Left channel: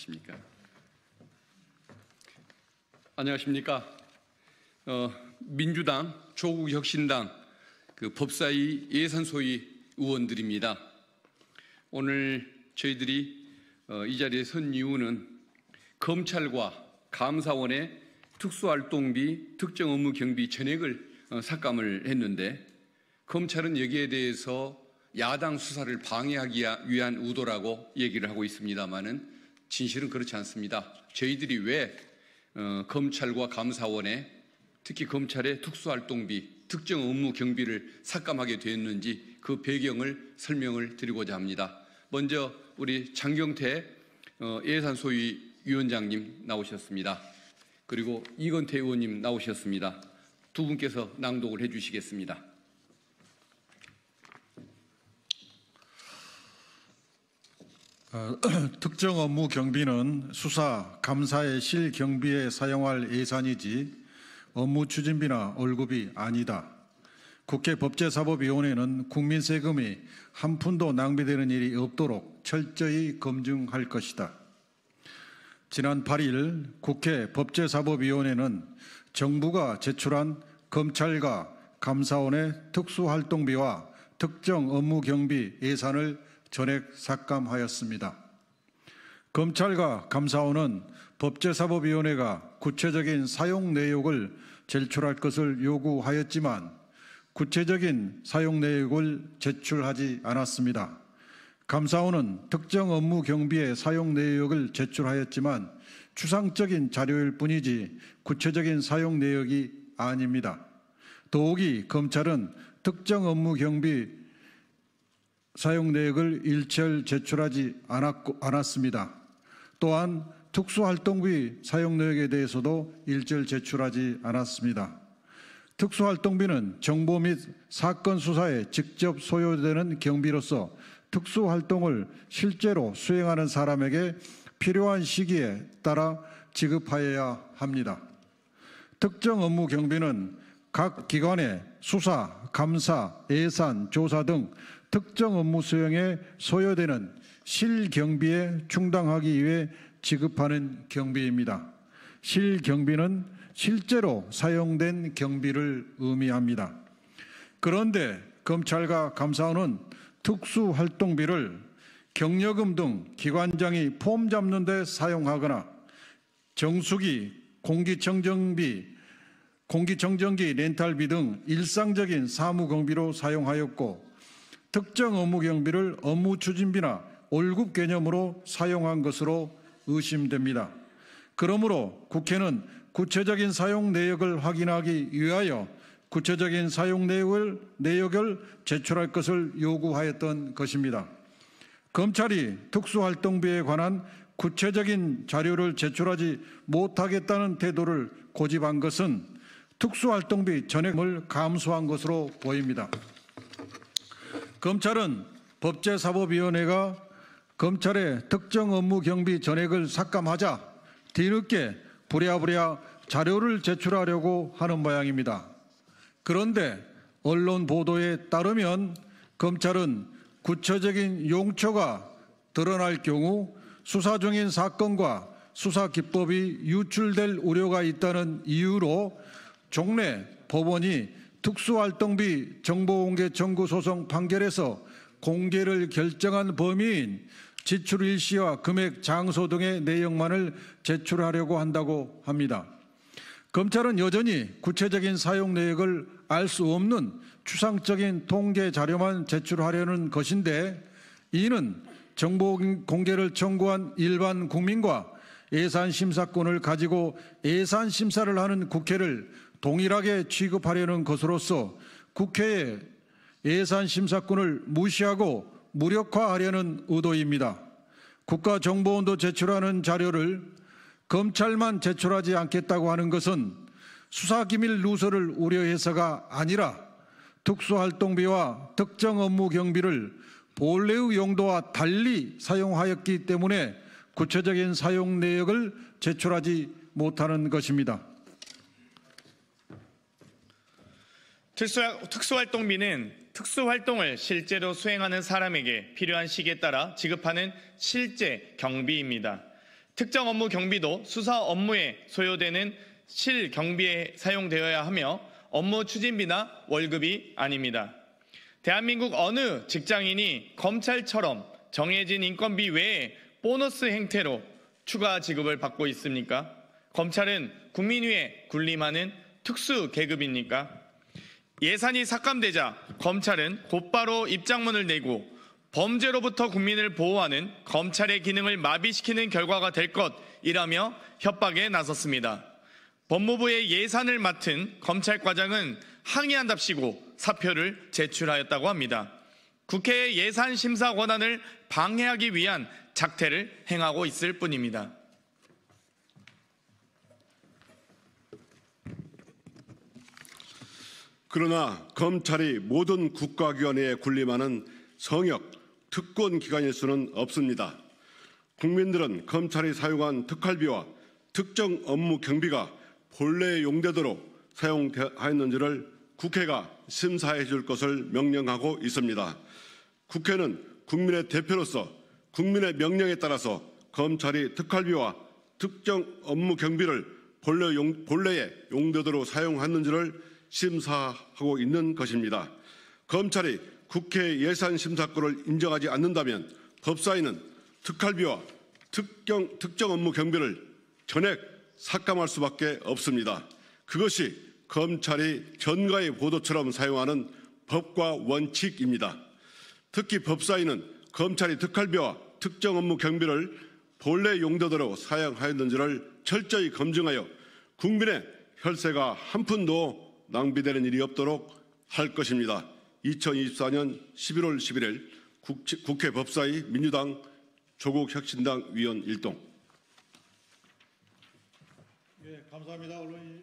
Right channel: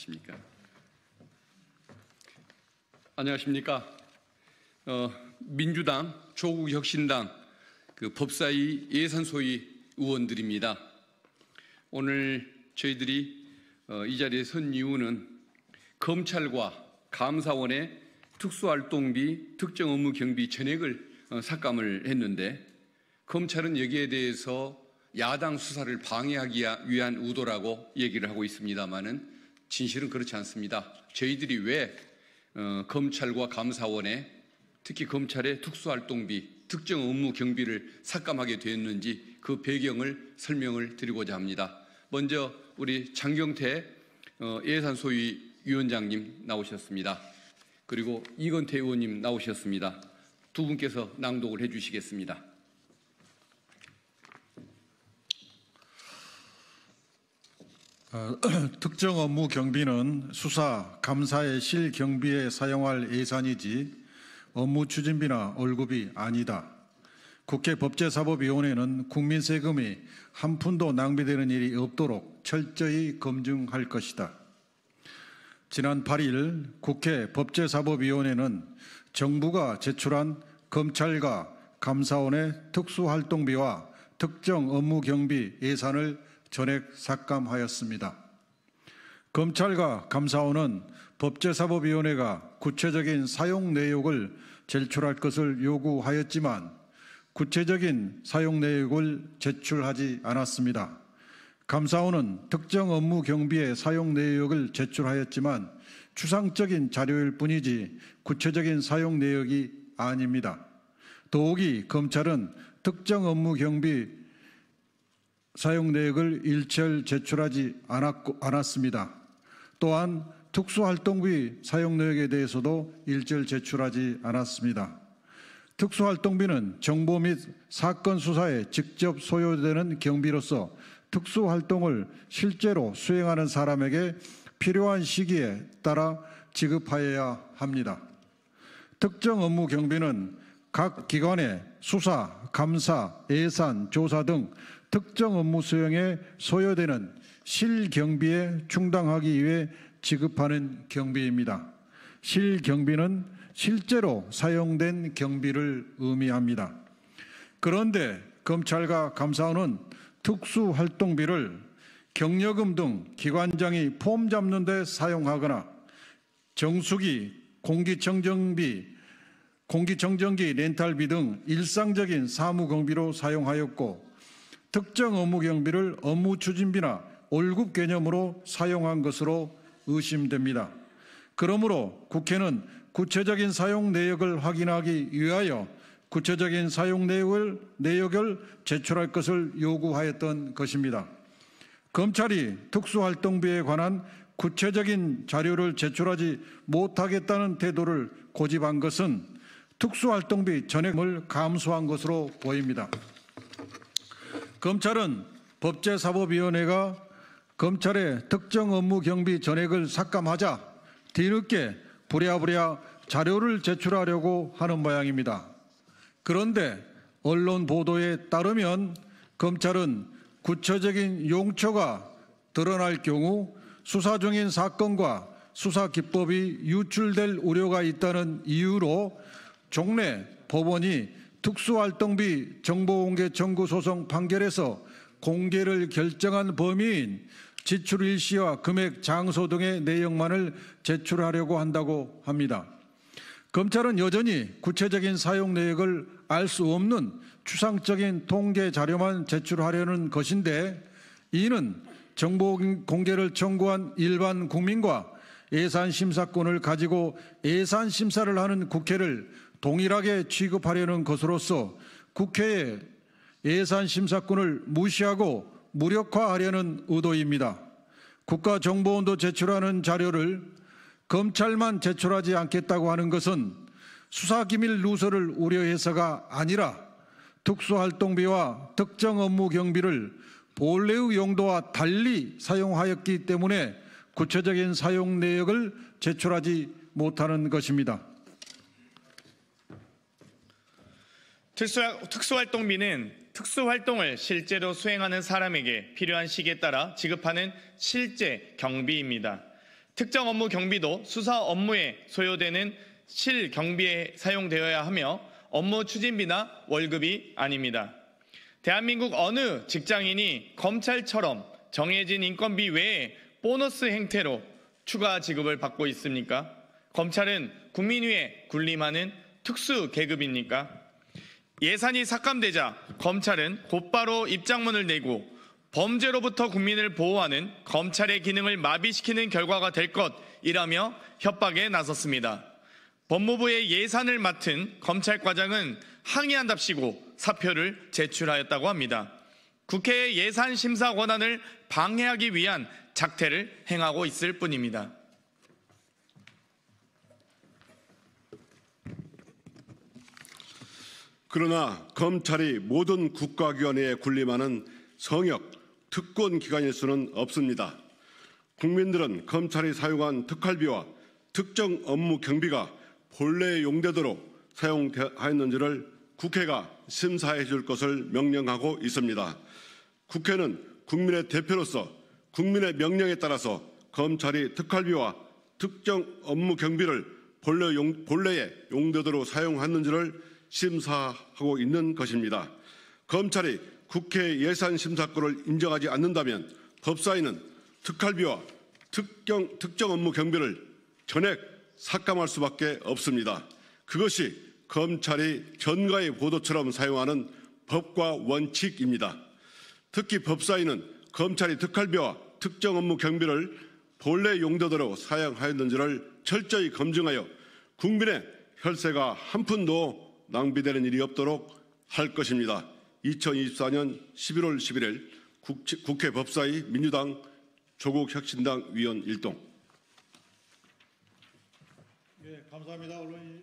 계십니까? 안녕하십니까? 민주당, 조국혁신당 법사위 예산소위 의원들입니다. 오늘 저희들이 이 자리에 선 이유는 검찰과 감사원의 특수활동비 특정 업무 경비 전액을 삭감을 했는데, 검찰은 여기에 대해서 야당 수사를 방해하기 위한 의도라고 얘기를 하고 있습니다만은 진실은 그렇지 않습니다. 저희들이 왜 검찰과 감사원의, 특히 검찰의 특수활동비 특정 업무 경비를 삭감하게 되었는지 그 배경을 설명을 드리고자 합니다. 먼저 우리 장경태 예산소위 위원장님 나오셨습니다. 그리고 이건태 의원님 나오셨습니다. 두 분께서 낭독을 해주시겠습니다. 특정 업무 경비는 수사, 감사의 실경비에 사용할 예산이지 업무 추진비나 월급이 아니다. 국회 법제사법위원회는 국민 세금이 한 푼도 낭비되는 일이 없도록 철저히 검증할 것이다. 지난 8일 국회 법제사법위원회는 정부가 제출한 검찰과 감사원의 특수활동비와 특정 업무 경비 예산을 전액 삭감하였습니다. 검찰과 감사원은 법제사법위원회가 구체적인 사용 내역을 제출할 것을 요구하였지만 구체적인 사용 내역을 제출하지 않았습니다. 감사원은 특정 업무 경비의 사용 내역을 제출하였지만 추상적인 자료일 뿐이지 구체적인 사용 내역이 아닙니다. 더욱이 검찰은 특정 업무 경비 사용 내역을 일절 제출하지 않았습니다. 또한 특수활동비 사용 내역에 대해서도 일절 제출하지 않았습니다. 특수활동비는 정보 및 사건 수사에 직접 소요되는 경비로서 특수활동을 실제로 수행하는 사람에게 필요한 시기에 따라 지급하여야 합니다. 특정 업무 경비는 각 기관의 수사, 감사, 예산, 조사 등 특정 업무 수행에 소요되는 실경비에 충당하기 위해 지급하는 경비입니다. 실경비는 실제로 사용된 경비를 의미합니다. 그런데 검찰과 감사원은 특수활동비를 경력금 등 기관장이 폼 잡는 데 사용하거나 정수기, 공기청정기 렌탈비 등 일상적인 사무경비로 사용하였고, 특정 업무 경비를 업무 추진비나 월급 개념으로 사용한 것으로 의심됩니다. 그러므로 국회는 구체적인 사용 내역을 확인하기 위하여 구체적인 사용 내역을 제출할 것을 요구하였던 것입니다. 검찰이 특수활동비에 관한 구체적인 자료를 제출하지 못하겠다는 태도를 고집한 것은 특수활동비 전액을 감수한 것으로 보입니다. 검찰은 법제사법위원회가 검찰의 특정 업무 경비 전액을 삭감하자 뒤늦게 부랴부랴 자료를 제출하려고 하는 모양입니다. 그런데 언론 보도에 따르면 검찰은 구체적인 용처가 드러날 경우 수사 중인 사건과 수사 기법이 유출될 우려가 있다는 이유로 종래 법원이 특수활동비 정보공개 청구 소송 판결에서 공개를 결정한 범위인 지출 일시와 금액, 장소 등의 내용만을 제출하려고 한다고 합니다. 검찰은 여전히 구체적인 사용 내역을 알 수 없는 추상적인 통계 자료만 제출하려는 것인데, 이는 정보 공개를 청구한 일반 국민과 예산심사권을 가지고 예산심사를 하는 국회를 동일하게 취급하려는 것으로서 국회의 예산심사권을 무시하고 무력화하려는 의도입니다. 국가정보원도 제출하는 자료를 검찰만 제출하지 않겠다고 하는 것은 수사기밀 누설을 우려해서가 아니라 특수활동비와 특정 업무 경비를 본래의 용도와 달리 사용하였기 때문에 구체적인 사용 내역을 제출하지 못하는 것입니다. 특수활동비는 특수활동을 실제로 수행하는 사람에게 필요한 시기에 따라 지급하는 실제 경비입니다. 특정 업무 경비도 수사 업무에 소요되는 실경비에 사용되어야 하며 업무 추진비나 월급이 아닙니다. 대한민국 어느 직장인이 검찰처럼 정해진 인건비 외에 보너스 형태로 추가 지급을 받고 있습니까? 검찰은 국민 위에 군림하는 특수 계급입니까? 예산이 삭감되자 검찰은 곧바로 입장문을 내고 범죄로부터 국민을 보호하는 검찰의 기능을 마비시키는 결과가 될 것이라며 협박에 나섰습니다. 법무부의 예산을 맡은 검찰과장은 항의한답시고 사표를 제출하였다고 합니다. 국회의 예산 심사 권한을 방해하기 위한 작태를 행하고 있을 뿐입니다. 그러나 검찰이 모든 국가기관에 군림하는 성역, 특권 기관일 수는 없습니다. 국민들은 검찰이 사용한 특활비와 특정 업무 경비가 본래의 용도대로 사용하였는지를 국회가 심사해 줄 것을 명령하고 있습니다. 국회는 국민의 대표로서 국민의 명령에 따라서 검찰이 특활비와 특정 업무 경비를 본래의 용도대로 사용했는지를 심사하고 있는 것입니다. 검찰이 국회 예산심사권을 인정하지 않는다면 법사위는 특활비와 특정 업무 경비를 전액 삭감할 수밖에 없습니다. 그것이 검찰이 전가의 보도처럼 사용하는 법과 원칙입니다. 특히 법사위는 검찰이 특활비와 특정 업무 경비를 본래 용도대로 사용하였는지를 철저히 검증하여 국민의 혈세가 한 푼도 낭비되는 일이 없도록 할 것입니다. 2024년 11월 11일 국회 법사위 민주당 조국혁신당 위원 일동. 감사합니다. 언론인